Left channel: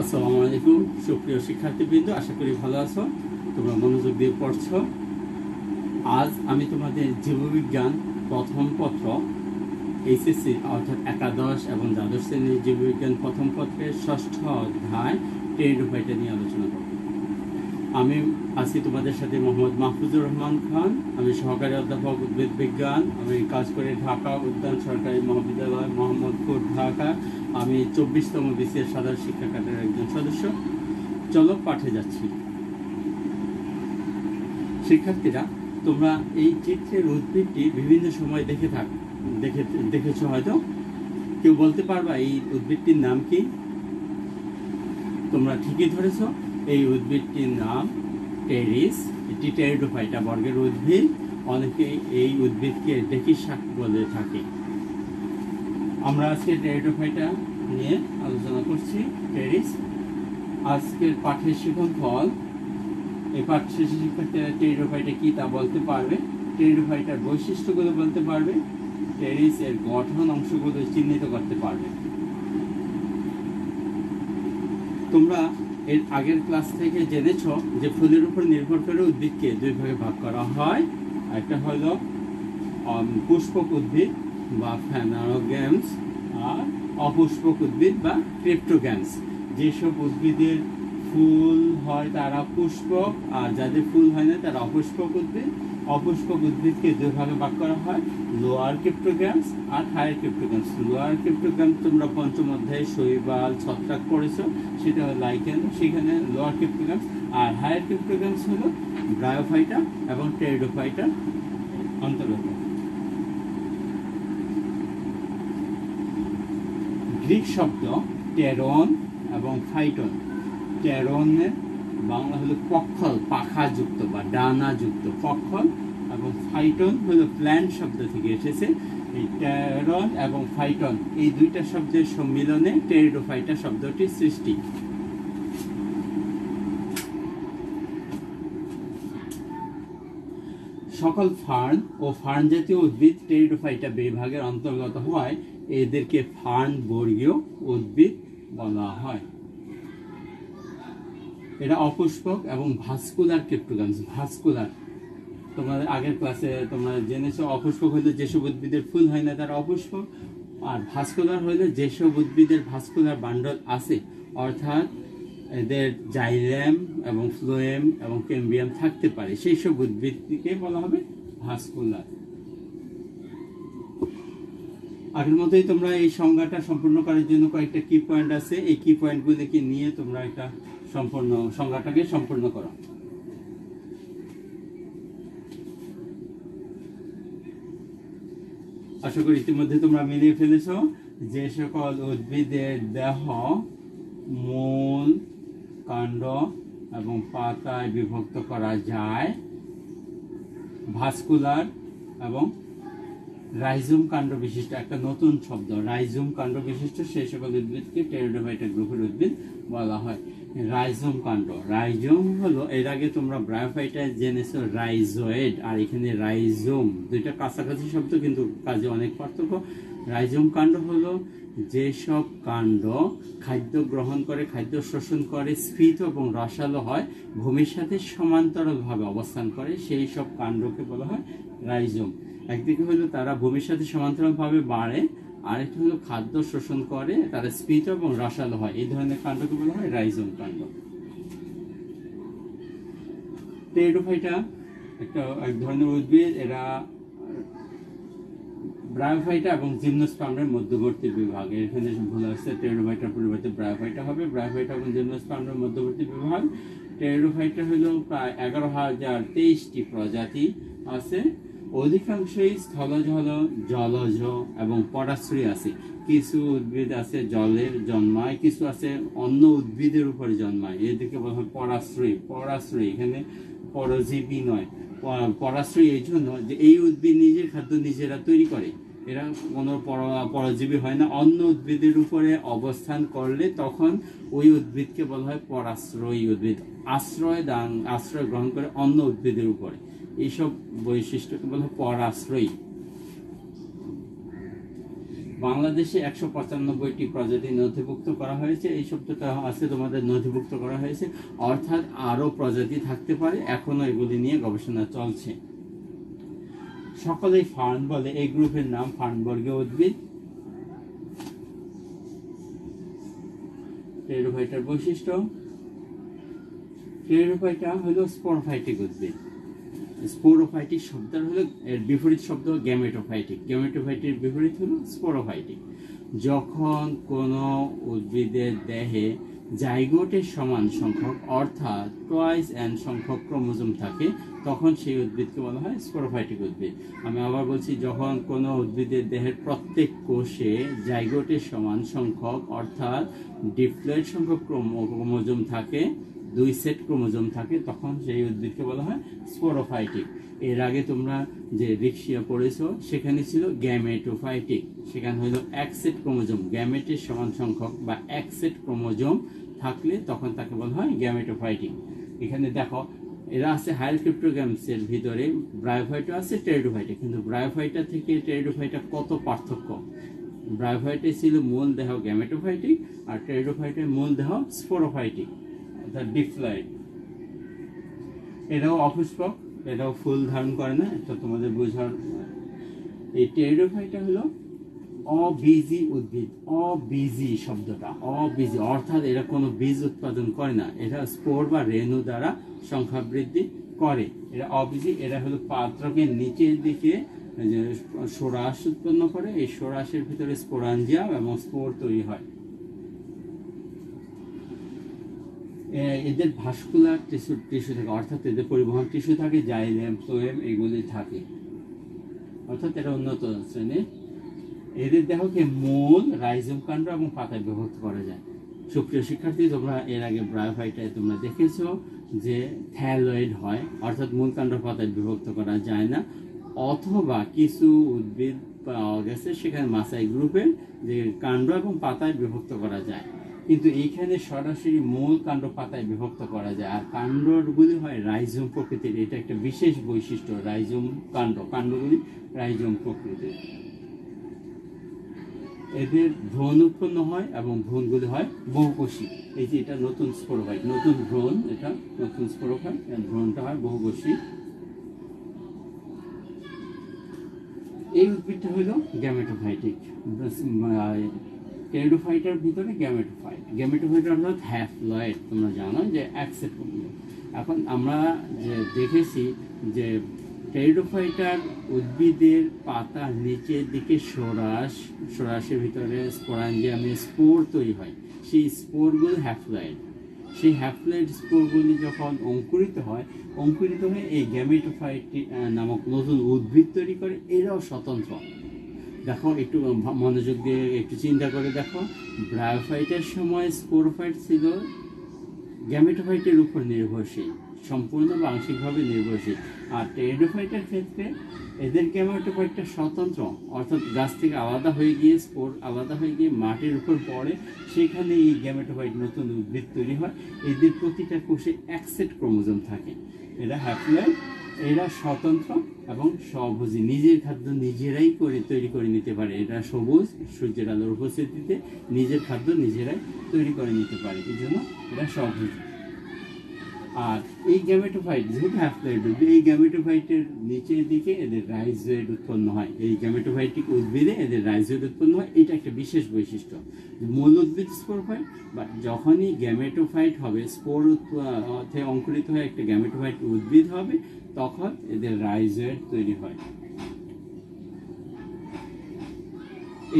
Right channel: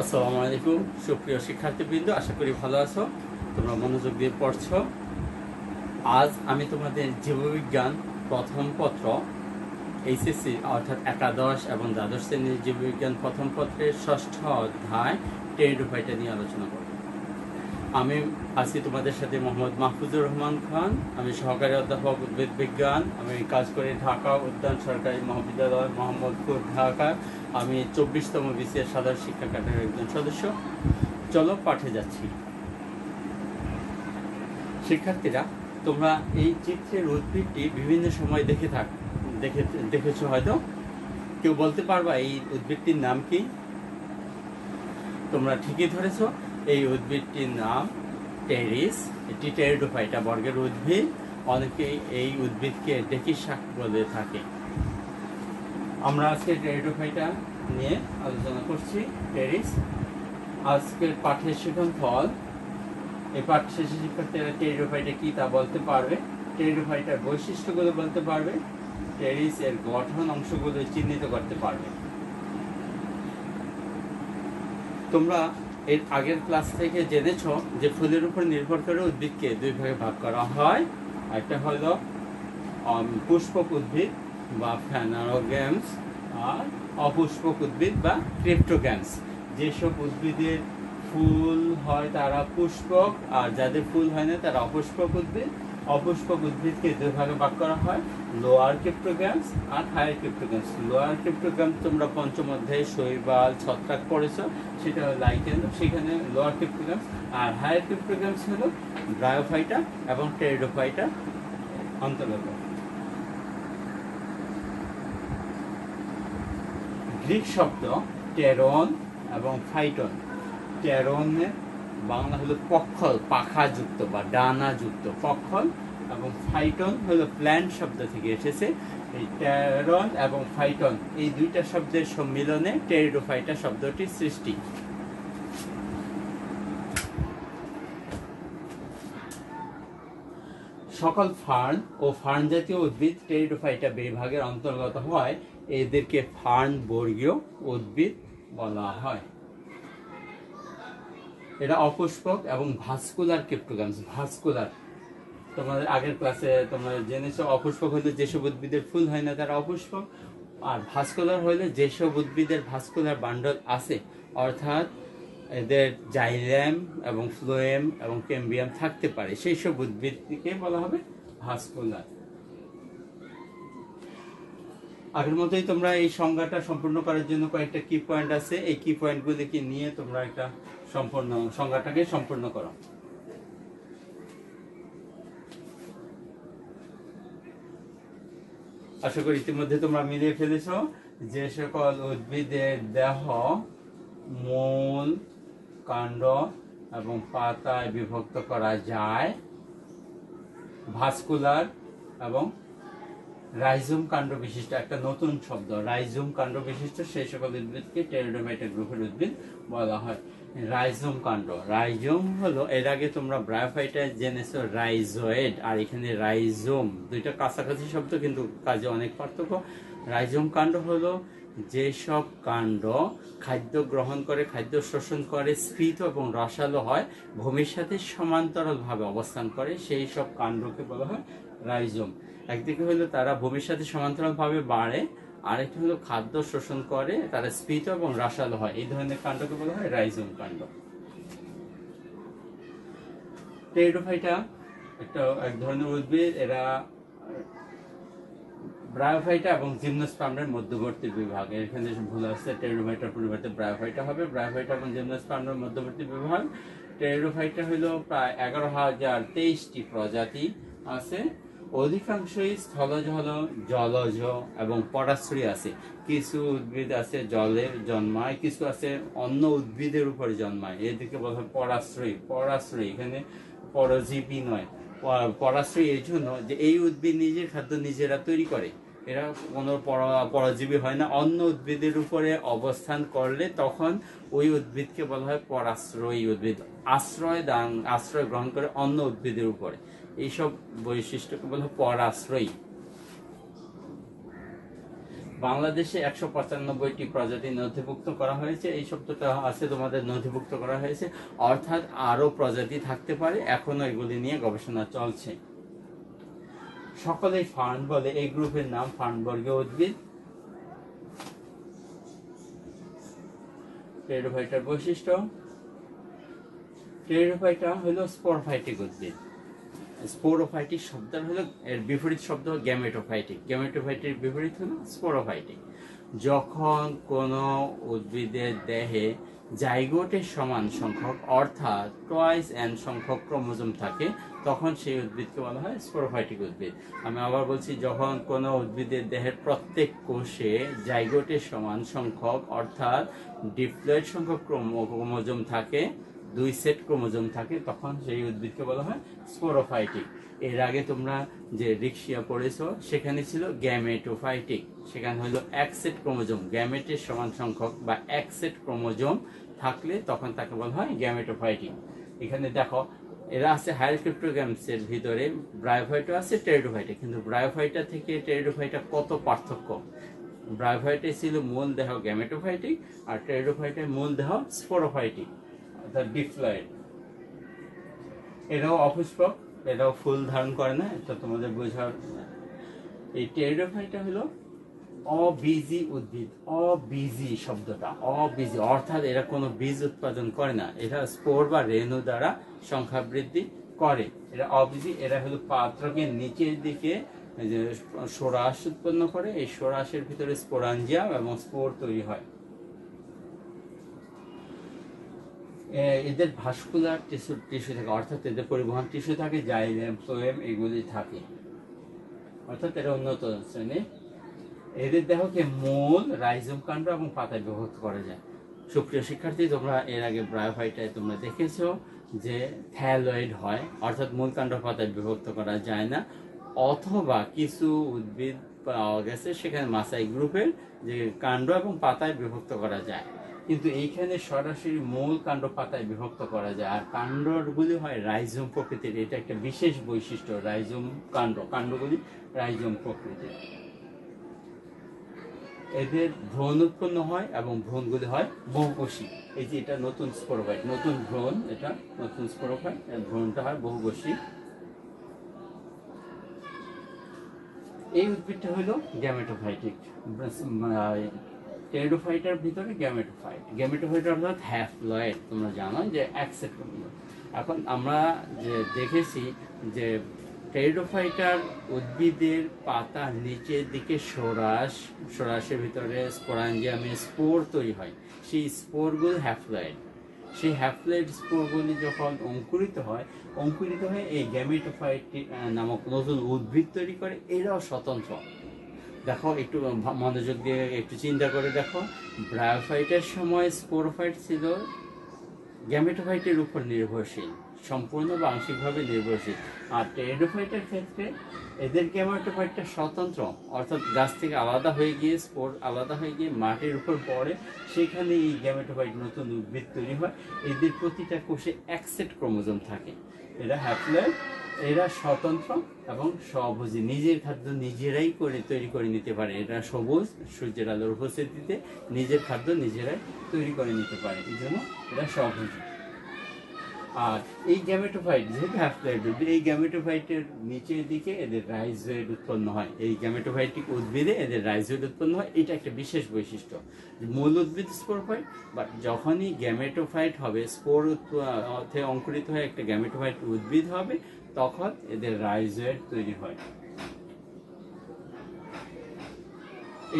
আসসালামু আলাইকুম সুপ্রিয় শিক্ষার্থীবৃন্দ, আশা করি ভালো আছো। তোমরা মনোযোগ দিয়ে পড়ছো। আজ আমি তোমাদের জীববিজ্ঞান প্রথম পত্র এইচএসসি অর্থাৎ একাদশ এবং দ্বাদশ শ্রেণীর জীববিজ্ঞান প্রথম পত্রের ষষ্ঠ অধ্যায় টেরিডোফাইটা নিয়ে আলোচনা করব। আমি আছি তোমাদের সাথে মোহাম্মদ মাহফুজুর রহমান খান। আমি সহকারী অধ্যাপক উদ্ভিদ বিজ্ঞান। আমি কাজ করি ঢাকা উদ্যান সরকারি মহাবিদ্যালয় মোহাম্মদপুর, ঢাকা। আমি 24তম বিসিএস সাধারণ শিক্ষা ক্যাডারের একজন সদস্য। চলো পাঠে যাচ্ছি। শিক্ষার্থীরা, তোমরা এই চিত্রের উদ্ভিদটি বিভিন্ন সময় দেখেছো হয়তো। কেউ বলতে পারবা এই উদ্ভিদটির নাম কি? তোমরা ঠিকই ধরেছ, এই উদ্ভিদটির নাম টেরিস। এটি টেরিডোফাইটা বর্গের উদ্ভিদ। অনেকেই এই উদ্ভিদকে ডেকি শাক বলে থাকে। আমরা আজকে টেরিডোফাইটা নিয়ে আলোচনা করছি। টেরিস আজকের পাঠের শিক্ষণফল। এই পাঠ শেষে শিক্ষার্থীরা টেরিডোফাইটা কি তা বলতে পারবে, টেরিডোফাইটার বৈশিষ্ট্যগুলো বলতে পারবে, টেরিস এর গঠন অংশগুলো চিহ্নিত করতে পারবে। তোমরা এর আগের ক্লাস থেকে জেনেছো যে ফুলের উপর নির্ভর করে উদ্ভিদকে দুই ভাগে ভাগ করা হয়। একটা হলো পুষ্পক উদ্ভিদ বা ফ্যানারোগ্যামস, আর অপুষ্পক উদ্ভিদ বা ক্রিপ্টোগ্যামস। যেসব উদ্ভিদের ফুল হয় তারা পুষ্পক, আর যাদের ফুল হয় না তারা অপুষ্পক উদ্ভিদ। অপুষ্পক উদ্ভিদকে দুই ভাগে ভাগ করা হয়, লোয়ার ক্রিপ্টোগ্যামস আর হায়ার ক্রিপ্টোগ্যামস। লোয়ার ক্রিপ্টোগ্যামস তোমরা পঞ্চম অধ্যায়ে শৈবাল, ছত্রাক পড়েছো, সেটা লাইকেন, সেখানে লোয়ার ক্রিপ্টোগ্যামস। আর হায়ার ক্রিপ্টোগ্যামস হলো ব্রায়োফাইটা এবং টেরিডোফাইটা অন্তর্গত। গ্রিক শব্দ টেরন এবং ফাইটন। টেরনের বাংলা হলো পক্ষল, পাখাযুক্ত বা ডানাযুক্ত পক্ষল, এবং ফাইটন হলো প্ল্যান্ট শব্দ থেকে এসেছে। এই টেরন এবং ফাইটন এই দুইটা শব্দের সম্মিলনে টেরিডোফাইটা শব্দটির সৃষ্টি। সকল ফার্ন ও ফার্ন জাতীয় উদ্ভিদ টেরিডোফাইটা বিভাগের অন্তর্গত হয়। এদেরকে ফার্ন বর্গীয় উদ্ভিদ বলা হয়। এটা অপুষ্পক এবং ভাস্কুলার ক্রিপ্টোগ্যামস। ভাস্কুলার তোমাদের আগের ক্লাসে তোমরা জেনেছো, অপুষ্পক হলে যেসব উদ্ভিদের ফুল হয় না তারা অপুষ্পক, আর ভাস্কুলার হলে যেসব উদ্ভিদের ভাস্কুলার বান্ডল আছে, অর্থাৎ এদের জাইলেম এবং ফ্লোয়েম এবং ক্যাম্বিয়াম থাকতে পারে, সেই সব উদ্ভিদকে বলা হবে ভাস্কুলার। আগের মতোই তোমরা এই সংজ্ঞাটা সম্পূর্ণ করার জন্য কয়েকটা কি পয়েন্ট আছে, এই কি পয়েন্টগুলিকে নিয়ে তোমরা একটা সম্পূর্ণ সংজ্ঞাটাকে সম্পূর্ণ করো। আশা করি ইতিমধ্যে তোমরা মিলিয়ে ফেলেছ। যে সকল উদ্ভিদের দেহ মূল, কাণ্ড এবং পাতায় বিভক্ত করা যায়, ভাস্কুলার এবং রাইজোম কাণ্ড বিশিষ্ট, একটা নতুন শব্দ রাইজোম কাণ্ড বিশিষ্ট, সেই সকল উদ্ভিদকে টেরিডোফাইটা গ্রুপের উদ্ভিদ বলা হয়। রাইজোম কাণ্ড, রাইজোম হলো, এর আগে তোমরা ব্রায়োফাইটা জেনেছো রাইজোয়েড, আর এখানে রাইজোম, দুইটা কাছাকাছি শব্দ কিন্তু কাজে অনেক পার্থক্য। রাইজোম কাণ্ড হলো যেসব কাণ্ড খাদ্য গ্রহণ করে, খাদ্য শোষণ করে, স্ফীত এবং রসালো হয়, ভূমির সাথে সমান্তরালভাবে অবস্থান করে, সেই সব কাণ্ডকে বলা হয় রাইজোম। একদিকে হলো তারা ভূমির সাথে সমান্তরালভাবে বাড়ে, আরেকটি হলো খাদ্য শোষণ করে, তারা স্ফীত এবং রসালো হয়, এই ধরনের কাণ্ডকে বলা হয় রাইজোম কাণ্ড। টেরিডোফাইটা এক ধরনের উদ্ভিদ। এরা ব্রায়োফাইটা এবং জিমনোস্পার্মের মধ্যবর্তী বিভাগ। এখানে ভুল আছে, টেরিডোফাইটার পরিবর্তে ব্রায়োফাইটা হবে। ব্রায়োফাইটা এবং জিমনোস্পার্মের মধ্যবর্তী বিভাগ। টেরিডোফাইটা হলো প্রায় 11,023টি প্রজাতি আছে। অধিকাংশই স্থলজ, জলজ এবং পরাশ্রয়ী আছে। কিছু উদ্ভিদ আছে জলে জন্মায়, কিছু আছে অন্য উদ্ভিদের উপরে জন্মায়, এদেরকে বলা হয় পরাশ্রয়ী। পরাশ্রয়ী এখানে পরজীবী নয়, পরাশ্রয়ী এই জন্য যে এই উদ্ভিদ নিজের খাদ্য নিজেরা তৈরি করে, এরা কোনো পরজীবী হয় না। অন্য উদ্ভিদের উপরে অবস্থান করলে তখন ওই উদ্ভিদকে বলা হয় পরাশ্রয়ী উদ্ভিদ। আশ্রয় গ্রহণ করে অন্য উদ্ভিদের উপরে, এইসব বৈশিষ্ট্যকে বলা হয় পরাশ্রয়ী। বাংলাদেশে 195টি প্রজাতি নথিভুক্ত করা হয়েছে। এই শব্দটা আছে তোমাদের, নথিভুক্ত করা হয়েছে, অর্থাৎ আরো প্রজাতি থাকতে পারে, এখনো এগুলি নিয়ে গবেষণা চলছে। সকলেই ফার্ন বলে, এই গ্রুপের নাম ফার্নবর্গীয় উদ্ভিদ। টেরিডোফাইটার বৈশিষ্ট্য, টেরিডোফাইটা হলো স্পোরোফাইটিক উদ্ভিদ। স্পোরোফাইটিক শব্দটা হলো, এর বিপরীত শব্দ হলো গ্যামেটোফাইটিক। গ্যামেটোফাইটির বিপরীত হলো স্পোরোফাইটিক। যখন কোনো উদ্ভিদের দেহে জাইগোটের সমান সংখ্যক অর্থাৎ টুয়াইস এন সংখ্যক ক্রোমোজোম থাকে, তখন সেই উদ্ভিদকে বলা হয় স্পোরোফাইটিক উদ্ভিদ। আমি আবার বলছি, যখন কোনো উদ্ভিদের দেহের প্রত্যেক কোষে জাইগোটের সমান সংখ্যক অর্থাৎ ডিপ্লয়েড সংখ্যক ক্রোমোজোম থাকে, 2 সেট ক্রোমোজোম থাকে, তখন সেই উদ্ভিদকে বলা হয় স্পোরোফাইটিক। এর আগে তোমরা যে রিক্সিয়া পড়েছো সেখানে ছিল গ্যামেটোফাইটিক, সেখানে হলো 1 সেট ক্রোমোজোম, গ্যামেটের সমান সংখ্যক বা 1 সেট ক্রোমোজোম থাকলে তখন তাকে বলা হয় গ্যামেটোফাইটিক। এখানে দেখো, এরা আছে হায়ার ক্রিপ্টোগ্যামসের ভিতরে, ব্রায়োফাইটা আছে, টেরিডোফাইটা। কিন্তু ব্রায়োফাইটা থেকে টেরিডোফাইটা কত পার্থক্য! ব্রায়োফাইটে ছিল মূল দেহ গ্যামেটোফাইটিক, আর টেরিডোফাইটের মূল দেহ স্পোরোফাইটিক অর্থাৎ ডিপ্লয়েড। এরাও অপুষ্পক, এরাও ফুল ধারণ করে না, এটা তোমাদের বোঝার। এই টেরিডোফাইটা হলো অবীজী উদ্ভিদ। অবীজী শব্দটা, অবীজী অর্থাৎ এরা কোনো বীজ উৎপাদন করে না, এরা স্পোর বা রেণু দ্বারা সংখ্যা বৃদ্ধি করে। এরা অবীজী। এরা হলো পাত্রকের নিচের দিকে সোরাস উৎপন্ন করে, এই সোরাসের ভিতরে স্পোরাঞ্জিয়াম এবং স্পোর তৈরি হয়। এদের ভাস্কুলার টিস্যু থাকে, অর্থাৎ এদের পরিবহন টিস্যু থাকে, জাইলেম, ফ্লোয়েম এগুলি থাকে, অর্থাৎ এরা উন্নত শ্রেণী। এদের দেহকে মূল, রাইজোম কাণ্ড এবং পাতায় বিভক্ত করা যায়। সুপ্রিয় শিক্ষার্থী, তোমরা এর আগে ব্রায়োফাইটায় তোমরা দেখেছো যে থ্যালয়েড হয়, অর্থাৎ মূল কাণ্ড পাতায় বিভক্ত করা যায় না, অথবা কিছু উদ্ভিদ পাওয়া গেছে সেখানে মাসাই গ্রুপের যে কাণ্ড এবং পাতায় বিভক্ত করা যায়, কিন্তু এইখানে সরাসরি মূল কাণ্ড পাতায় বিভক্ত করা যায়। আর কাণ্ডগুলি হয় রাইজোম প্রকৃতির, এটা একটা বিশেষ বৈশিষ্ট্য, রাইজোম কাণ্ডগুলি রাইজোম প্রকৃতির। এদের ভ্রূণ উৎপন্ন হয় এবং ভ্রূণগুলি হয় বহুকোষী। এই যে এটা নতুন স্পোরোফাইট, নতুন ভ্রূণ, এটা নতুন স্পোরোফাইট, ভ্রূণটা হয় বহুকোষী। এই উদ্ভিদটা হলো গ্যামেটোফাইটিক। টেরিডোফাইটার ভিতরে গ্যামেটোফাইট, গ্যামেটোফাইট অর্থাৎ হ্যাপ্লয়েড। তোমরা জানো যে 1 সেট ক্রোমোজোম। এখন আমরা যে দেখেছি যে টেরিডোফাইটার উদ্ভিদের পাতার নিচের দিকে সোরাসের ভিতরে স্পোরাঞ্জিয়ামে স্পোর তৈরি হয়, সেই স্পোরগুলো হ্যাপ্লয়েড। সেই হ্যাপ্লয়েড স্পোরগুলি যখন অঙ্কুরিত হয় এই গ্যামেটোফাইট নামক নতুন উদ্ভিদ তৈরি করে। এরাও স্বতন্ত্র। দেখো, একটু মনোযোগ দিয়ে একটু চিন্তা করে দেখো, ব্রায়োফাইটের সময় স্পোরোফাইট ছিল গ্যামেটোফাইটের উপর নির্ভরশীল, সম্পূর্ণ বা আংশিকভাবে নির্ভরশীল। আর টেরিডোফাইটের ক্ষেত্রে এদের গ্যামেটোফাইটটা স্বতন্ত্র, অর্থাৎ গাছ থেকে আলাদা হয়ে গিয়ে, স্পোর আলাদা হয়ে গিয়ে মাটির উপর পড়ে, সেখানে এই গ্যামেটোফাইট নতুন উদ্ভিদ তৈরি হয়। এদের প্রতিটা কোষে 1 সেট ক্রোমোজোম থাকে। এরা হ্যাপ্লয়েড, এরা স্বতন্ত্র এবং স্বভোজী, নিজের খাদ্য নিজেরাই তৈরি করে নিতে পারে। এরা সবুজ, সূর্যের আলোর উপস্থিতিতে নিজের খাদ্য নিজেরাই তৈরি করে নিতে পারে, এই জন্য এরা স্বভোজী। আর এই গ্যামেটোফাইট যেহেতু হ্যাপ্লয়েড, এই গ্যামেটোফাইটের নিচের দিকে এদের রাইজয়েড উৎপন্ন হয়। এই গ্যামেটোফাইটিক উদ্ভিদে এদের রাইজয়েড উৎপন্ন হয়, এটা একটা বিশেষ বৈশিষ্ট্য। মূল উদ্ভিদ স্পোরোফাইট, বাট যখনই গ্যামেটোফাইট হবে, স্পোর অঙ্কুরিত হয়ে একটা গ্যামেটোফাইট উদ্ভিদ হবে, তখন এদের রাইজয়েড তৈরি হয়।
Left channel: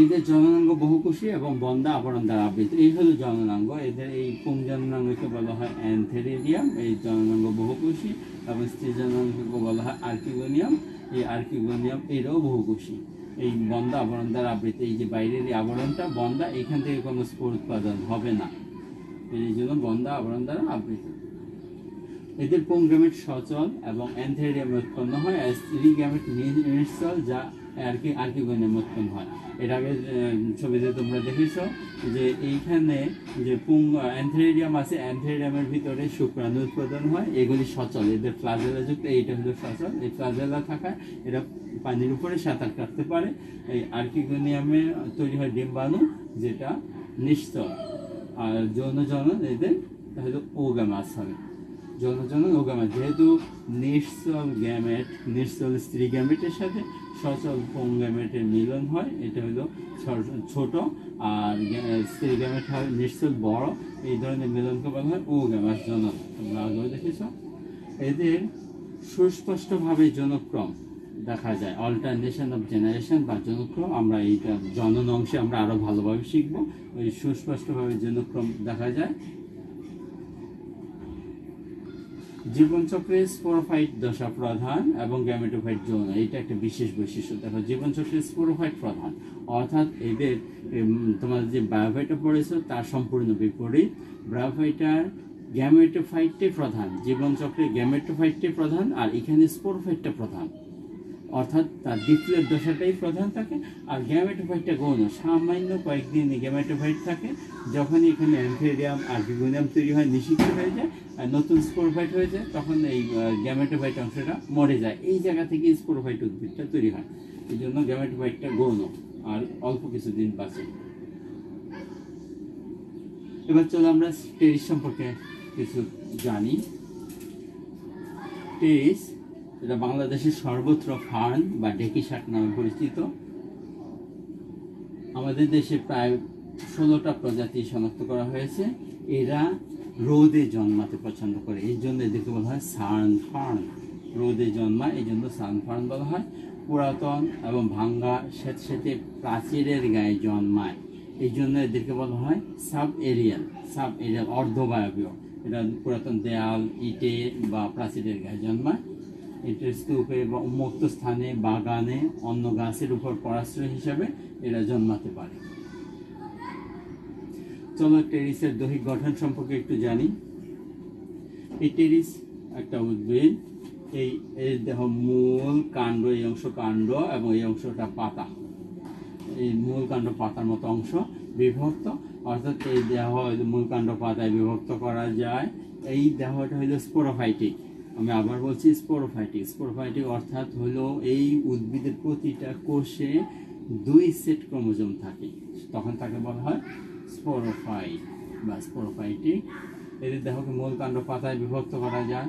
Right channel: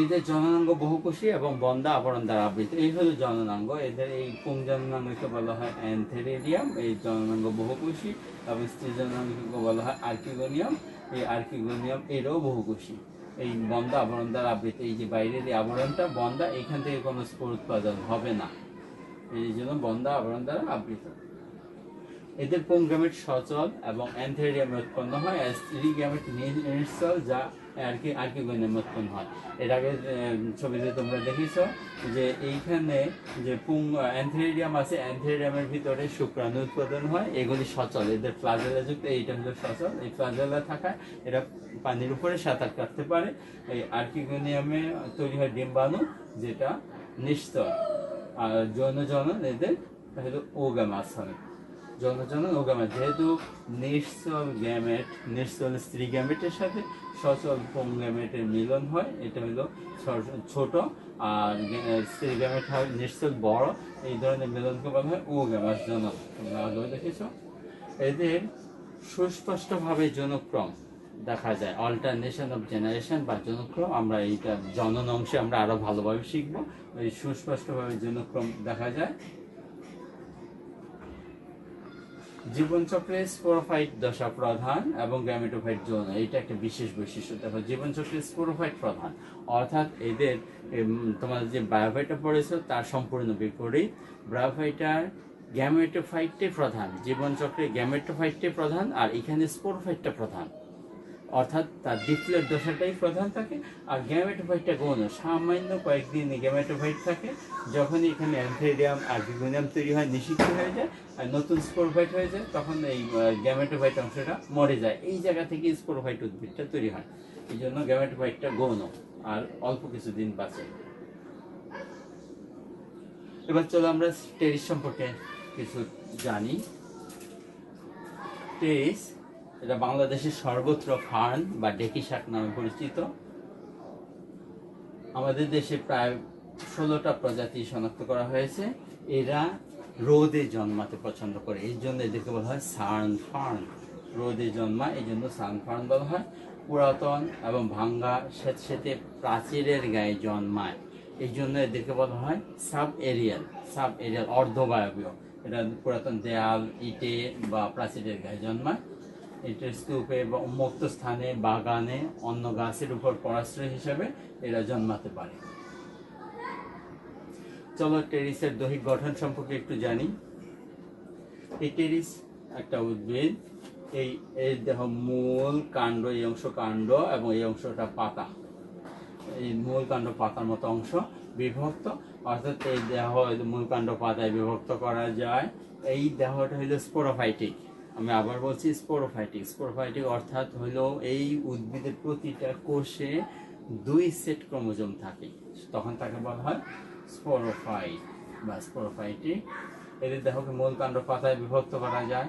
এদের জননাঙ্গ বহুকোষী এবং বন্ধা আবরণ দ্বারা আবৃত। এই হলো জননাঙ্গ। এদের এই পুংজননাঙ্গকে বলা হয় অ্যান্থেরিডিয়াম, এই জননাঙ্গ বহুকোষী, এবং স্ত্রী জননাঙ্গকে বলা হয় আর্কিগোনিয়াম। এই আর্কিগোনিয়াম এরও বহুকোষী। এই বন্ধা আবরণ দ্বারা আবৃত, এই যে বাইরের এই আবরণটা বন্ধা, এখান থেকে কোনো স্পোর উৎপাদন হবে না, এই জন্য বন্ধা আবরণ দ্বারা আবৃত। এদের পুংগ্যামেট সচল এবং অ্যান্থেরিডিয়ামে উৎপন্ন হয়, আর স্ত্রী গ্যামেট নিশ্চল, যা আর্কিগোনিয়াম উৎপন্ন হয়। এর আগে ছবিতে তোমরা দেখেছো যে এইখানে যে অ্যান্থেরিডিয়াম আছে, অ্যান্থেরিডিয়ামের ভিতরে শুক্রাণু উৎপাদন হয়, এগুলি সচল, এদের ফ্লাজেলা যুক্ত, এইটা হলো সচল। এই ফ্লাজেলা থাকায় এরা পানির উপরে সাঁতার কাটতে পারে। এই আর্কিগোনিয়ামে তৈরি হয় ডিম্বাণু, যেটা নিশ্চল। আর যৌন জনন এদের হলো ওগামাস হবে। যৌন জনন ওগামাস, যেহেতু নিশ্চল গ্যামেট, নিশ্চল স্ত্রী গ্যামেটের সাথে সচল পুং গ্যামেটের মিলন হয়, এটা হলো ছোট, আর স্ত্রী গ্যামেট হয় নিশ্চল বড়, এই ধরনের মিলনকে বলা হয় ওগামাস জনন। তোমরা আগেও দেখেছ। এদের সুস্পষ্টভাবে জনক্রম দেখা যায়, অল্টারনেশন অফ জেনারেশন বা জনক্রম। আমরা এইটা জনন অংশে আমরা আরো ভালোভাবে শিখবো। ওই সুস্পষ্টভাবে জনক্রম দেখা যায়। জীবনচক্রে স্পোরোফাইট দশা প্রধান এবং গ্যামেটোফাইট যৌন, এইটা একটা বিশেষ বৈশিষ্ট্য। দেখো, জীবনচক্রে স্পোরোফাইট প্রধান, অর্থাৎ এদের তোমাদের যে ব্রায়োফাইটা পড়েছো তার সম্পূর্ণ বিপরীত। ব্রায়োফাইটার গ্যামেটোফাইটটাই প্রধান, জীবনচক্রে গ্যামেটোফাইটটাই প্রধান, আর এখানে স্পোরোফাইটটা প্রধান, অর্থাৎ তার ডিপ্লয়েড দশাটাই প্রধান থাকে। আর গ্যামেটোফাইটটা গৌণ, সামান্য কয়েকদিন গ্যামেটোফাইট থাকে, যখন এখানে অ্যান্থেরিডিয়াম আর্কিগোনিয়াম তৈরি হয়, নিষিক্ত হয়ে যায়, আর নতুন স্পোরোফাইট হয়ে যায়, তখন এই গ্যামেটোফাইট অংশটা মরে যায়। এই জায়গা থেকে স্পোরোফাইট উদ্ভিদটা তৈরি হয়। এই জন্য গ্যামেটোফাইটটা গৌণ আর অল্প কিছুদিন বাঁচে। এবার চলো আমরা টেরিস সম্পর্কে কিছু জানি। টেরিস এটা বাংলাদেশের সর্বত্র ফার্ন বা ডেকি শাক নামে পরিচিত। আমাদের দেশে প্রায় 16টা প্রজাতি শনাক্ত করা হয়েছে। এরা রোদে জন্মাতে পছন্দ করে, এই জন্য এদেরকে বলা হয় সান ফার্ন। রোদে জন্মায়, এই জন্য সান ফার্ন বলা হয়। পুরাতন এবং ভাঙ্গা স্যাঁতস্যাঁতে প্রাচীরের গায়ে জন্মায়, এই জন্য এদেরকে বলা হয় সাব এরিয়াল। অর্ধবায়বীয়। এটা পুরাতন দেয়াল, ইটে বা প্রাচীরের গায়ে জন্মায়। এটা স্তূপে বা উন্মুক্ত স্থানে, বাগানে, অন্য গাছের উপর পরাশ্রয় হিসাবে এরা জন্মাতে পারে। চলো টেরিসের দৈহিক গঠন সম্পর্কে একটু জানি। এই টেরিস একটা উদ্ভিদ। এই দেহ মূল, কাণ্ড, এই অংশ কাণ্ড এবং এই অংশটা পাতা। এই মূল কাণ্ড পাতার মতো অংশ বিভক্ত, অর্থাৎ এই দেহ মূল কাণ্ড পাতায় বিভক্ত করা যায়। এই দেহটা হইলো স্পোরোফাইটিক। আমি আবার বলছি স্পোরোফাইটিক। স্পোরোফাইটিক অর্থাৎ হলো এই উদ্ভিদের প্রতিটা কোষে 2 সেট ক্রোমোজোম থাকে, তখন তাকে বলা হয় স্পোরোফাইট বা স্পোরোফাইটিক। এদের দেহকে মূল কাণ্ড পাতায় বিভক্ত করা যায়।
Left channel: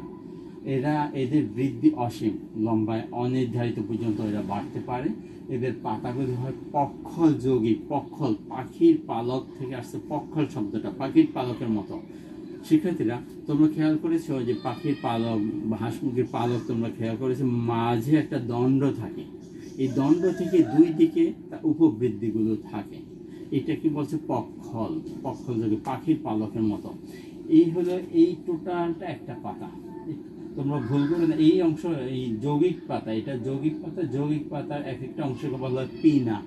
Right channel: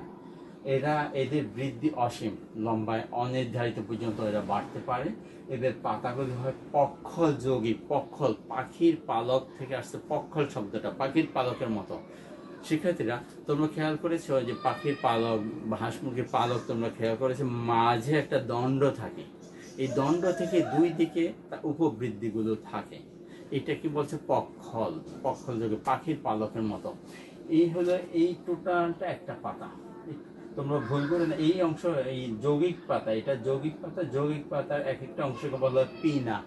এদের বৃদ্ধি অসীম, লম্বায় অনির্ধারিত পর্যন্ত এরা বাড়তে পারে। এদের পাতাগুলি হয় পক্ষল যৌগিক। পক্ষল পাখির পালক থেকে আসছে পক্ষল শব্দটা, পাখির পালকের মতো। শিক্ষার্থীরা, তোমরা খেয়াল করেছো যে পাখির পালক বা হাঁস মুরগির পালক তোমরা খেয়াল করেছো, মাঝে একটা দণ্ড থাকে। এই দণ্ড থেকে 2 দিকে উপবৃদ্ধিগুলো থাকে। এটা কি বলছে? পক্ষল। পক্ষল যৌগিক, পাখির পালকের মতো। এই হলো এই টোটালটা একটা পাতা। তোমরা ভুল করে না, এই অংশ এই যৌগিক পাতা, এটা যৌগিক পাতা। যৌগিক পাতার এক একটা অংশকে বলা হয় পিনা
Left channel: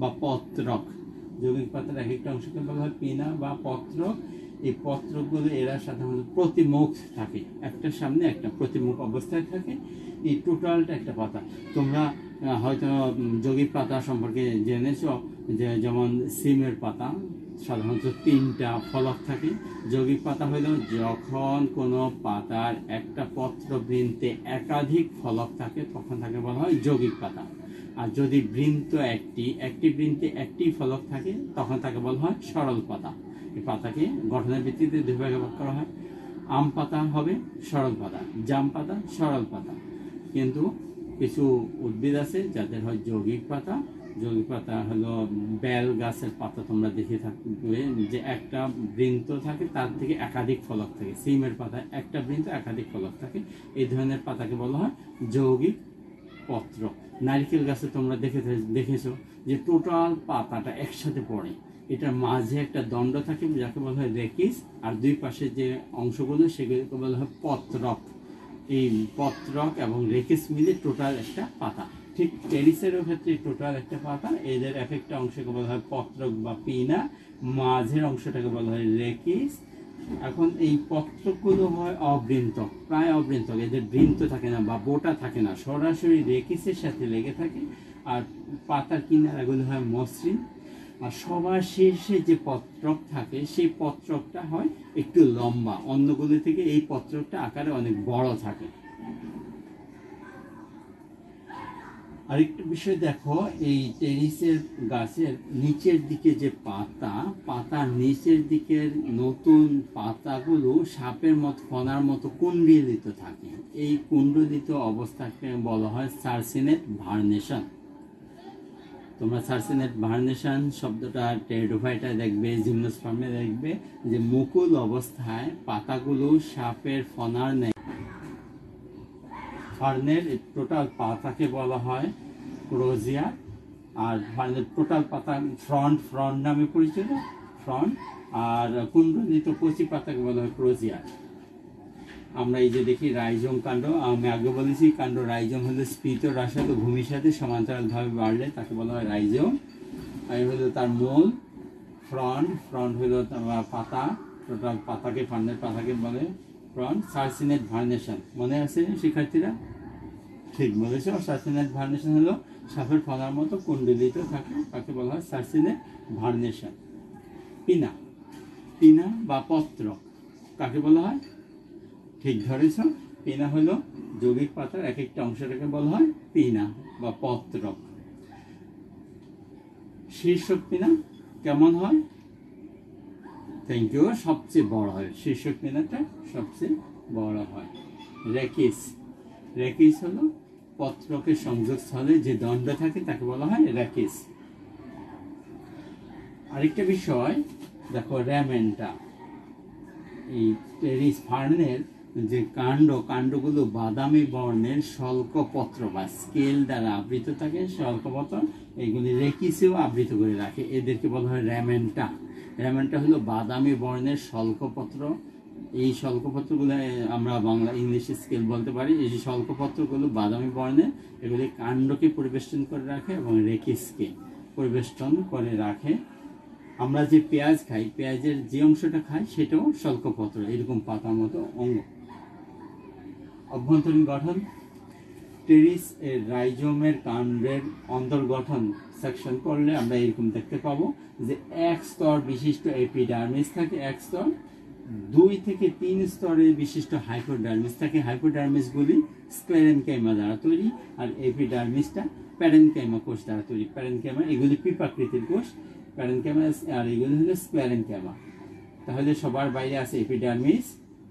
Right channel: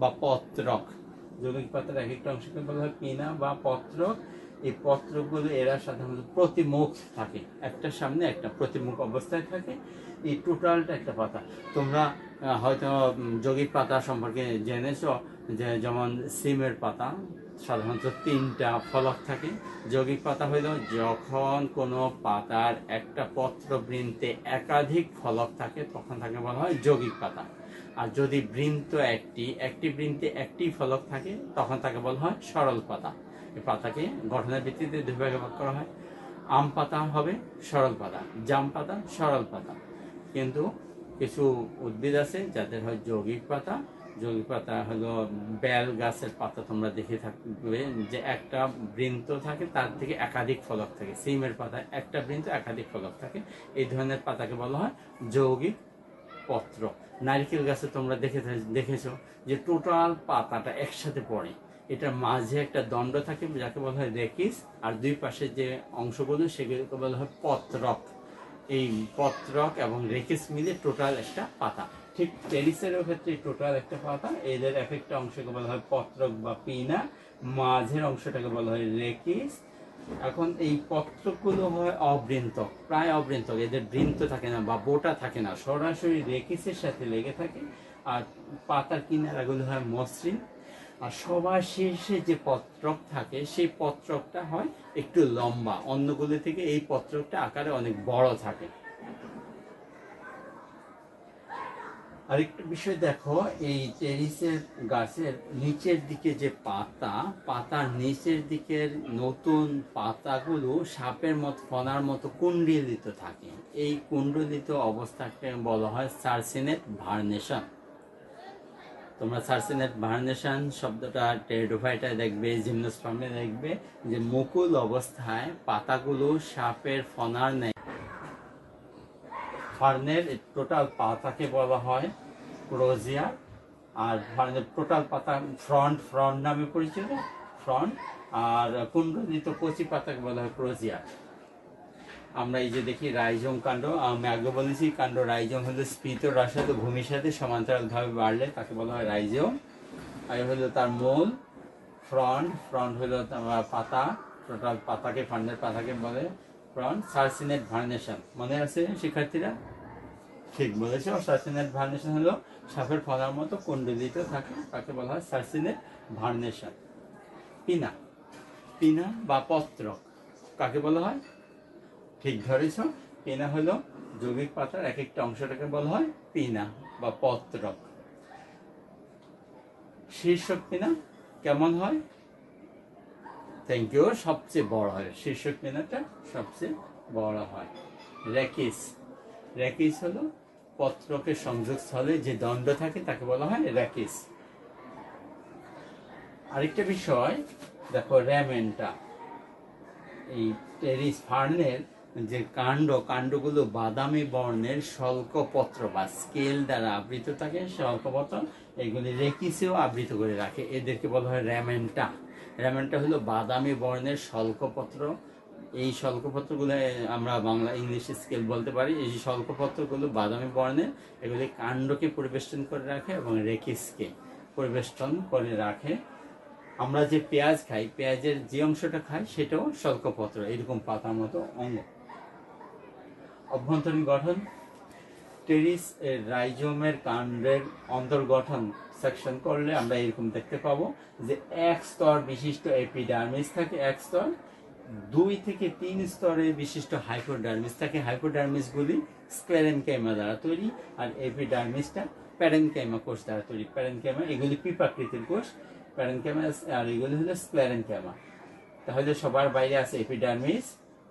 বা পত্রক। যৌগিক পাতার এক একটা অংশকে বলা হয় পিনা বা পত্রক। এই পত্রকগুলো এরা সাধারণত প্রতিমুখ থাকে, একটা সামনে একটা প্রতিমুখ অবস্থায় থাকে। এই টোটালটা একটা পাতা। তোমরা হয়তো যৌগিক পাতা সম্পর্কে জেনেছো যে যেমন সিমের পাতা সাধারণত 3টা ফলক থাকে। যৌগিক পাতা হইল যখন কোনো পাতার একটা পত্রবৃন্তে একাধিক ফলক থাকে, তখন তাকে বলা হয় যৌগিক পাতা। আর যদি বৃন্ত একটি বৃন্তে একটি ফলক থাকে, তখন তাকে বলা হয় সরল পাতা। এই পাতাকে গঠনের ভিত্তিতে 2 ভাগে ভাগ করা হয়। আম পাতা হবে সরল পাতা, জাম পাতা সরল পাতা। কিন্তু কিছু উদ্ভিদ আছে যাদের হয় যৌগিক পাতা। যৌগিক পাতা হলো বেল গাছের পাতা, তোমরা দেখে থাকবে যে একটা বৃন্ত থাকে, তার থেকে একাধিক ফলক থাকে। সিমের পাতায় একটা বৃন্ত একাধিক ফলক থাকে। এই ধরনের পাতাকে বলা হয় যৌগিক পত্র। নারকেল গাছে তোমরা দেখেছো যে টোটাল পাতাটা একসাথে পড়ে, এটার মাঝে একটা দণ্ড থাকে যাকে বলা হয় রেকিস, আর 2 পাশে যে অংশগুলো সেগুলোকে বলা হয় পত্রক। এই পত্রক এবং রেকিস মিলে টোটাল একটা পাতা। ঠিক টেরিসেরও ক্ষেত্রে টোটাল একটা পাতা। এদের এক একটা অংশকে বলা হয় পত্রক বা পিনা, মাঝের অংশটাকে বলা হয় রেকিস। এখন এই পত্রকগুলো হয় অবৃন্তক, প্রায় অবৃন্তক। এদের বৃন্ত থাকে না বা বোটা থাকে না, সরাসরি রেকিসের সাথে লেগে থাকে। আর পাতার কিনারাগুলো হয় মসৃণ, আর সবার শেষে যে পত্রক থাকে সেই পত্রকটা হয় একটু লম্বা, অন্যগুলো থেকে এই পত্রকটা আকারে অনেক বড় থাকে। আরেকটা বিষয় দেখো, এই টেরিসের গাছের নিচের দিকে যে পাতার নিচের দিকের নতুন পাতাগুলো সাপের মতো ফনার মতো কুণ্ডলিত থাকে। এই কুণ্ডলিত অবস্থাকে বলা হয় সার্সিনেট ভার্নেশন। তোমরা সার্সিনেট ভার্নেশন শব্দটা টেরিডোফাইটায় দেখবে, জিমনোস্পার্মে দেখবে যে মুকুল অবস্থায় পাতাগুলো সাপের ফনার নেয়। ফার্নের টোটাল পাতাকে বলা হয় ক্রোজিয়ার, আর ফার্নের টোটাল পাতা ফ্রন্ট নামে পরিচিত, ফ্রন্ট। আর কুণ্ডলিত কচি পাতাকে বলা হয় ক্রোজিয়ার। আমরা এই যে দেখি রাইজোম কাণ্ড, আমি আগে বলেছি কাণ্ড রাইজোম হলো স্ফীত রাসায়নিক ভূমির সাথে সমান্তরালভাবে বাড়লে তাকে বলা হয় রাইজোম। আর হলো তার মূল। ফ্রন্ট হলো পাতা, টোটাল পাতাকে, ফার্নের পাতাকে বলে ফ্রন্ট। সার্সিনেট ভার্নেশন মনে আছে শিক্ষার্থীরা? ঠিক বলেছে। সার্সিনেট ভার্নেশন হলো সাপের ফনার মতো কুণ্ডলিত থাকে, তাকে বলা হয় সার্সিনেট ভার্নেশন। পিনা বা পত্রক কাকে বলা হয়? ঠিক ধরেছ, পিনা হলো যৌগিক পাতার এক একটা অংশটাকে বলা হয় পিনা বা পত্রক। শীর্ষক পিনা কেমন হয়? থ্যাংক ইউ, সবচেয়ে বড় হয়। শীর্ষক পিনাটা সবচেয়ে বড় হয়। রেকিস হলো পত্রকের সংযোগস্থলে যে দণ্ড থাকে তাকে বলা হয় রেকিস। আরেকটা বিষয় দেখো, র্যামেন্টা। এই টেরিস ফার্নের যে কাণ্ডগুলো বাদামি বর্ণের শল্কপত্র বা স্কেল দ্বারা আবৃত থাকে, শল্কপত্র এগুলি রেকিসেও আবৃত করে রাখে, এদেরকে বলা হয় র্যামেন্টা। র্যামেন্টা হলো বাদামি বর্ণের শল্কপত্র। এই শল্কপত্রগুলো আমরা বাংলা ইংলিশ স্কেল বলতে পারি। এই শল্কপত্রগুলো বাদামি বর্ণের, এগুলি কাণ্ডকে পরিবেষ্টন করে রাখে এবং রেকিসকে পরিবেষ্টন করে রাখে। আমরা যে পেঁয়াজ খাই, পেঁয়াজের যে অংশটা খাই সেটাও শল্কপত্র, এরকম পাতার মতো অঙ্গ। অভ্যন্তরীণ গঠন, টেরিস এর রাইজোমের কাণ্ডের অন্তর্গঠন সেকশন করলে আমরা এরকম দেখতে পাবো যে এক স্তর বিশিষ্ট এপিডার্মিস থাকে, এক স্তর। 2 থেকে 3 স্তরের বিশিষ্ট হাইপোডার্মিস থাকে। হাইপোডার্মিসগুলি স্ক্লেরেনকাইমা দ্বারা তৈরি, আর এপিডার্মিসটা প্যারেনকাইমা কোষ দ্বারা তৈরি। প্যারেনকাইমা এগুলি পিপাকৃতির কোষ, প্যারেনকাইমা, আর এগুলি হলো স্ক্লেরেনকাইমা। তাহলে সবার বাইরে আছে এপিডার্মিস,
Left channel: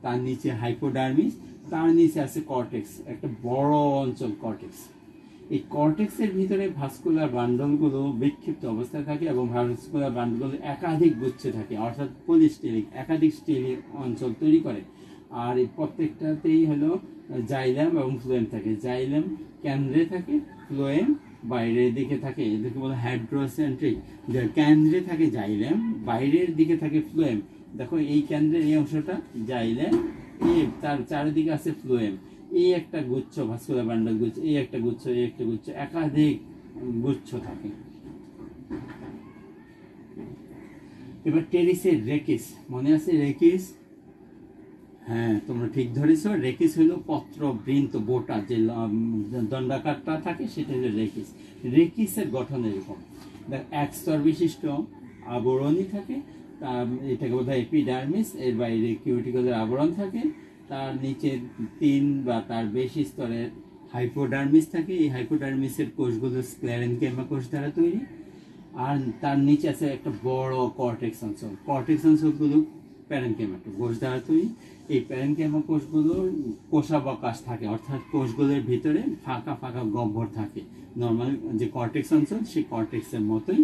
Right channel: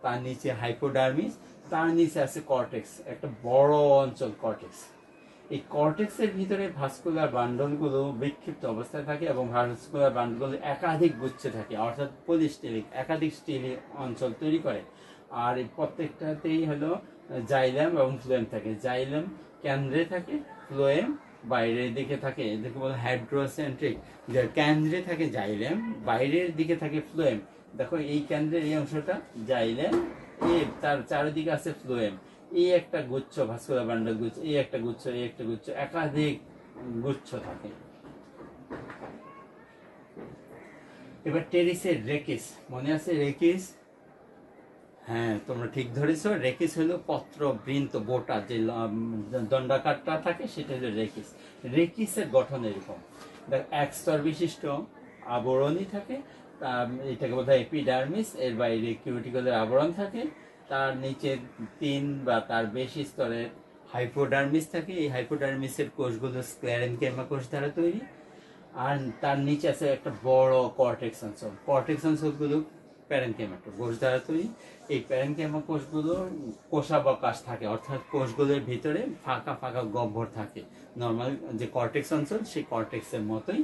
তার নিচে হাইপোডার্মিস, তার নিচে আছে কর্টেক্স, একটা বড় অঞ্চল কর্টেক্স। এই কর্টেক্সের ভিতরে ভাস্কুলার বান্ডলগুলো বিক্ষিপ্ত অবস্থায় থাকে এবং ভাস্কুলার বান্ডলগুলো একাধিক গুচ্ছে থাকে, অর্থাৎ পলিস্টেরিক একাধিক স্টেরিক অঞ্চল তৈরি করে। আর এই প্রত্যেকটাতেই হলো জাইলেম এবং ফ্লোয়েম থাকে। জাইলেম কেন্দ্রে থাকে, ফ্লোয়েম বাইরের দিকে থাকে, এদেরকে বলে হাইড্রোসেন্ট্রিক। কেন্দ্রে থাকে জাইলেম, বাইরের দিকে থাকে ফ্লোয়েম। দেখো এই কেন্দ্রের এই অংশটা জাইলেম, তার চারিদিকে আছে ফ্লোয়েম। এই একটা গুচ্ছ ভাস্কুলার বান্ডল গুচ্ছ, এই একটা গুচ্ছ, এই একটা গুচ্ছ, একাধিক গুচ্ছ থাকে। এবার টেরিসের রেকিস মনে আছে? রেকিস, হ্যাঁ তোমরা ঠিক ধরেছ। রেকিস হলো পত্র বৃন্ত বোটা, যে দণ্ডাকারটা থাকে সেটা হলো রেকিস। রেকিসের গঠন এরকম, এক স্তর বিশিষ্ট আবরণী থাকে, এটাকে বলা হয় এপিডার্মিস। এর বাইরে কিউটিকলের আবরণ থাকে, তার নিচে 3 বা তার বেশি স্তরের হাইপোডার্মিস থাকে। এই হাইপোডার্মিসের কোষগুলো স্ক্লেরেনকাইমা কোষ দ্বারা তৈরি, আর তার নিচে আছে একটা বড় কর্টেক্স অঞ্চল। কর্টেক্স অঞ্চলগুলো প্যারেনকাইমা কোষ দ্বারা তৈরি। এই প্যারেনকাইমা কোষগুলো কোষাবকাশ থাকে, অর্থাৎ কোষগুলোর ভিতরে ফাঁকা ফাঁকা গহ্বর থাকে। নর্মাল যে কর্টেক্স অঞ্চল সেই কর্টেক্সের মতোই।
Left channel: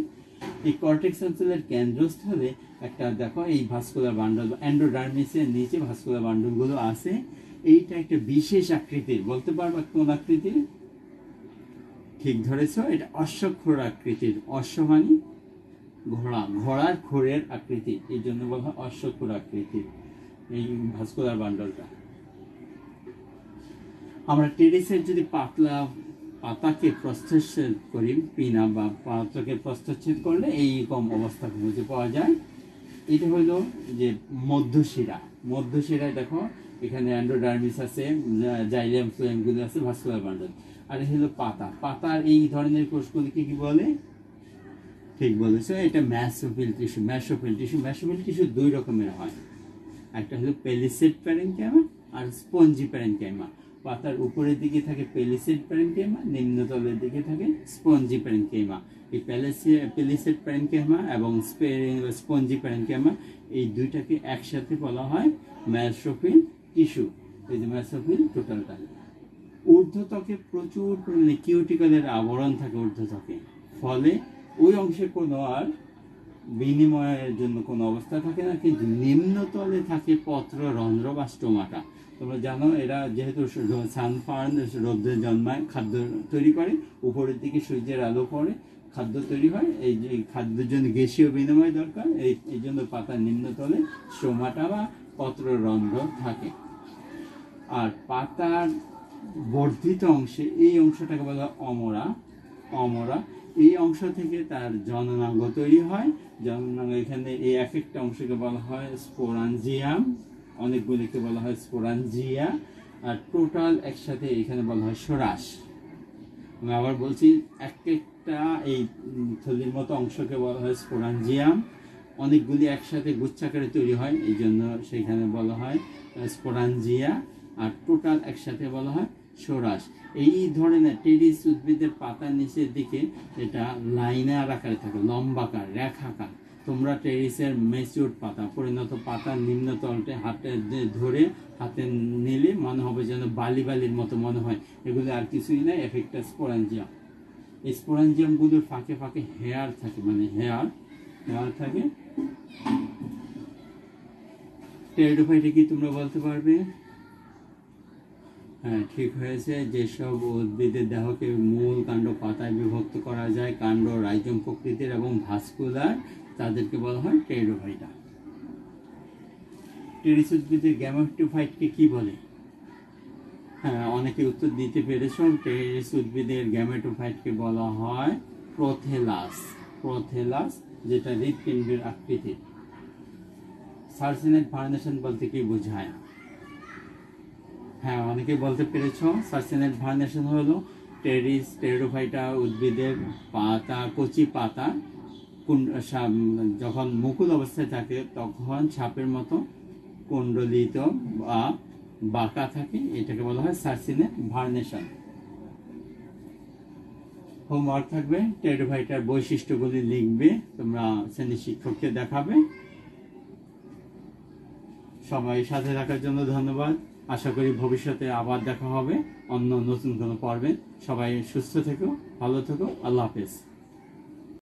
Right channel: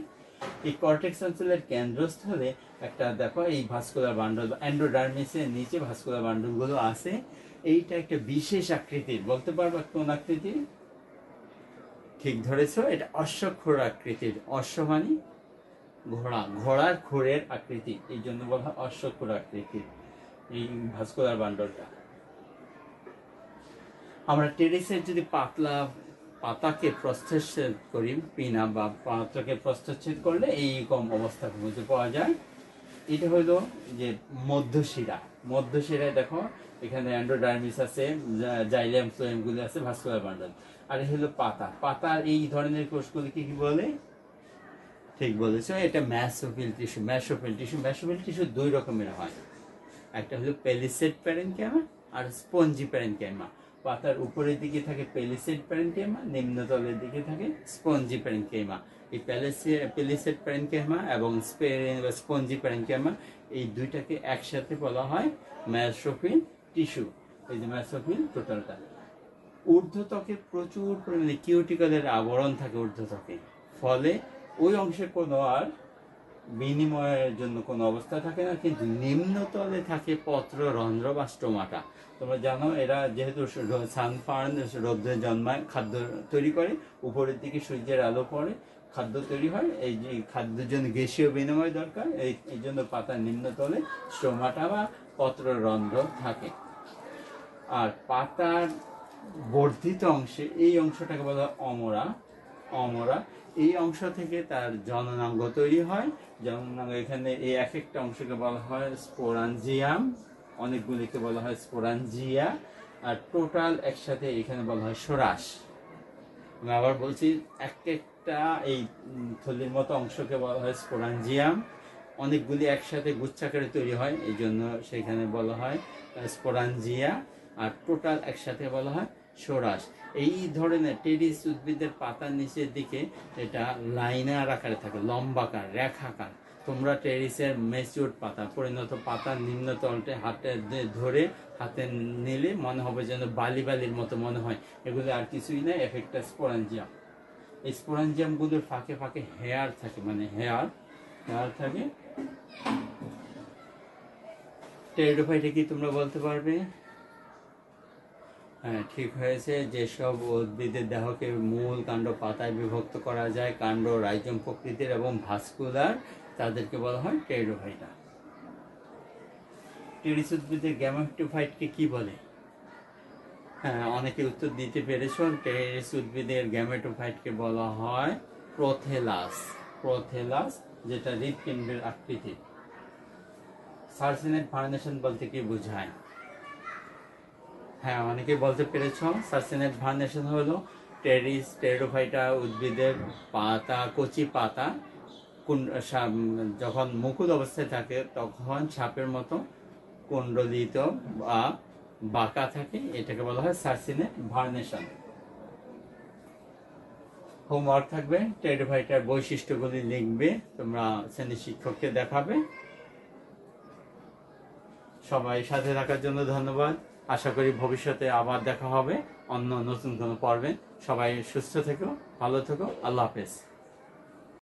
এই কর্টেক্স অঞ্চলের কেন্দ্রস্থলে একটা দেখো এই ভাস্কুলার বান্ডল, এন্ডোডার্মিসের নিচে ভাস্কুলার বান্ডলগুলো আছে। এইটা একটা বিশেষ আকৃতির, বলতে পারবা কোন আকৃতির? ঠিক ধরেছ, এটা অশ্বক্ষুর আকৃতির। অশ্ব মানে ঘোড়া, ঘোড়ার খুরের আকৃতি, এই জন্য বলা হয় অশ্বক্ষুর আকৃতির এই ভাস্কুলার বান্ডলটা। আমরা টেরিসের যদি পাতলা পাতাকে প্রস্থচ্ছেদ করি, পিনা বা পাতাকে প্রস্থচ্ছেদ করলে এইরকম অবস্থা খুঁজে পাওয়া যায়। এটা হলো যে মধ্যশিরা। মধ্যশিরায় দেখো এখানে এন্ডোডার্মিস আছে, জাইলেম ফ্লোয়েমগুলো আছে, ভাস্কুলার বান্ডল। আর এই হলো পাতা। পাতার এই ধরনের কোষগুলিকে কি বলে? ঠিক বলেছো, এটা ম্যাসোফিল টিস্যু। ম্যাসোফিল টিস্যু দুই রকমের হয়, একটা হলো পেলিসেড প্যারেনকাইমা আর স্পঞ্জি প্যারেনকাইমা। পাতার উপরের দিকে থাকে পেলিসেড প্যারেনকাইমা, নিম্নতলের দিকে থাকে স্পঞ্জি প্যারেনকাইমা। এই পেলিসেড প্যারেনকাইমা এবং স্পঞ্জি প্যারেনকাইমা এই দুইটাকে একসাথে বলা হয় ম্যাসোফিল টিস্যু। এই যে ম্যাসোফিল টোটালটা। ঊর্ধ্বত্বকে প্রচুর পরিমাণে কিউটিকলের আবরণ থাকে ঊর্ধ্বত্বকে, ফলে ওই অংশে কোনো আর বিনিময়ের জন্য কোনো অবস্থা থাকে না, কিন্তু নিম্নতলে থাকে পত্ররন্ধ্র বা স্টোমাটা। তোমরা জানো এরা যেহেতু সানফার্ন রৌদ্রে জন্মায়, খাদ্য তৈরি করে, উপরের দিকে সূর্যের আলো পড়ে, খাদ্য তৈরি হয়। এই যে খাদ্যের জন্য গ্যাসীয় বিনিময় দরকার, এই জন্য পাতার নিম্নতলে স্টোমাটা বা পত্ররন্ধ্র থাকে। আর পাতার বর্ধিত অংশে এই অংশটাকে বলা হয় অমরা। এই অংশ থেকে তার জননাঙ্গ তৈরি হয়। জননাঙ্গ এখানে এই এক একটা অংশকে বলা হয় স্পোরাঞ্জিয়াম, অনেকগুলিকে বলা হয় স্পোরাঞ্জিয়া, আর টোটাল একসাথে এখানে বলা হয় সরাস। আমি আবার বলছি, একটা এই থলির মতো অংশকে বলা হয় স্পোরাঞ্জিয়াম, অনেকগুলি একসাথে গুচ্ছাকারে তৈরি হয়, এই জন্য সেখানে বলা হয় স্পোরাঞ্জিয়া, আর টোটাল একসাথে বলা হয় সরাস। এই ধরনের টেরিস উদ্ভিদের পাতার নিচের দিকে এটা লাইনার আকারে থাকে, লম্বাকার, রেখাকার। তোমরা টেরিসের ম্যাচিউরড পাতা, পরিণত পাতার নিম্নতলটা হাতে ধরে হাতে নিলে মনে হবে যেন বালির মতো মনে হয়। এগুলো আর কিছুই না, এফেক্টা স্পোরাঞ্জিয়াম। এই স্পোরাঞ্জিয়ামগুলোর ফাঁকে ফাঁকে হেয়ার থাকে, মানে হেয়ার থাকে। টেরিডোফাইটা কি তোমরা বলতে পারবে? হ্যাঁ, ঠিক হয়েছে। যেসব উদ্ভিদের দেহকে মূল, কাণ্ড, পাতায় বিভক্ত করা যায়, কাণ্ড রাইজোম প্রকৃতির এবং ভাস্কুলার, তাদেরকে বলা হয় টেরিডোফাইটা। টেরিস উদ্ভিদের গ্যামেটোফাইটকে কি বলে? হ্যাঁ, অনেকে উত্তর দিতে পেরেছ। টেরিস উদ্ভিদের গ্যামেটোফাইটকে বলা হয় প্রোথেলাস, যেটা হৃৎপিণ্ডের আকৃতির। সার্সিনেট ভার্নেশন বলতে কি বোঝায়? হ্যাঁ, অনেকে বলতে পেরেছ। সার্সিনেট ভার্নেশন হলো টেরিডোফাইটা উদ্ভিদের পাতা, কচি পাতা যখন মুকুল অবস্থায় থাকে তখন ছাপের মতো কুণ্ডলিত বা বাঁকা থাকে, এটাকে বলা হয় সার্সিনেট ভার্নেশন। হোমওয়ার্ক থাকবে, টেরিডোফাইটার বৈশিষ্ট্যগুলি লিখবে, তোমরা শ্রেণী শিক্ষককে দেখাবে। সবাই সাথে থাকার জন্য ধন্যবাদ। আশা করি ভবিষ্যতে আবার দেখা হবে অন্য নতুন কোনো পর্বে। সবাই সুস্থ থেকো, ভালো থেকো, আল্লাহ হাফেজ।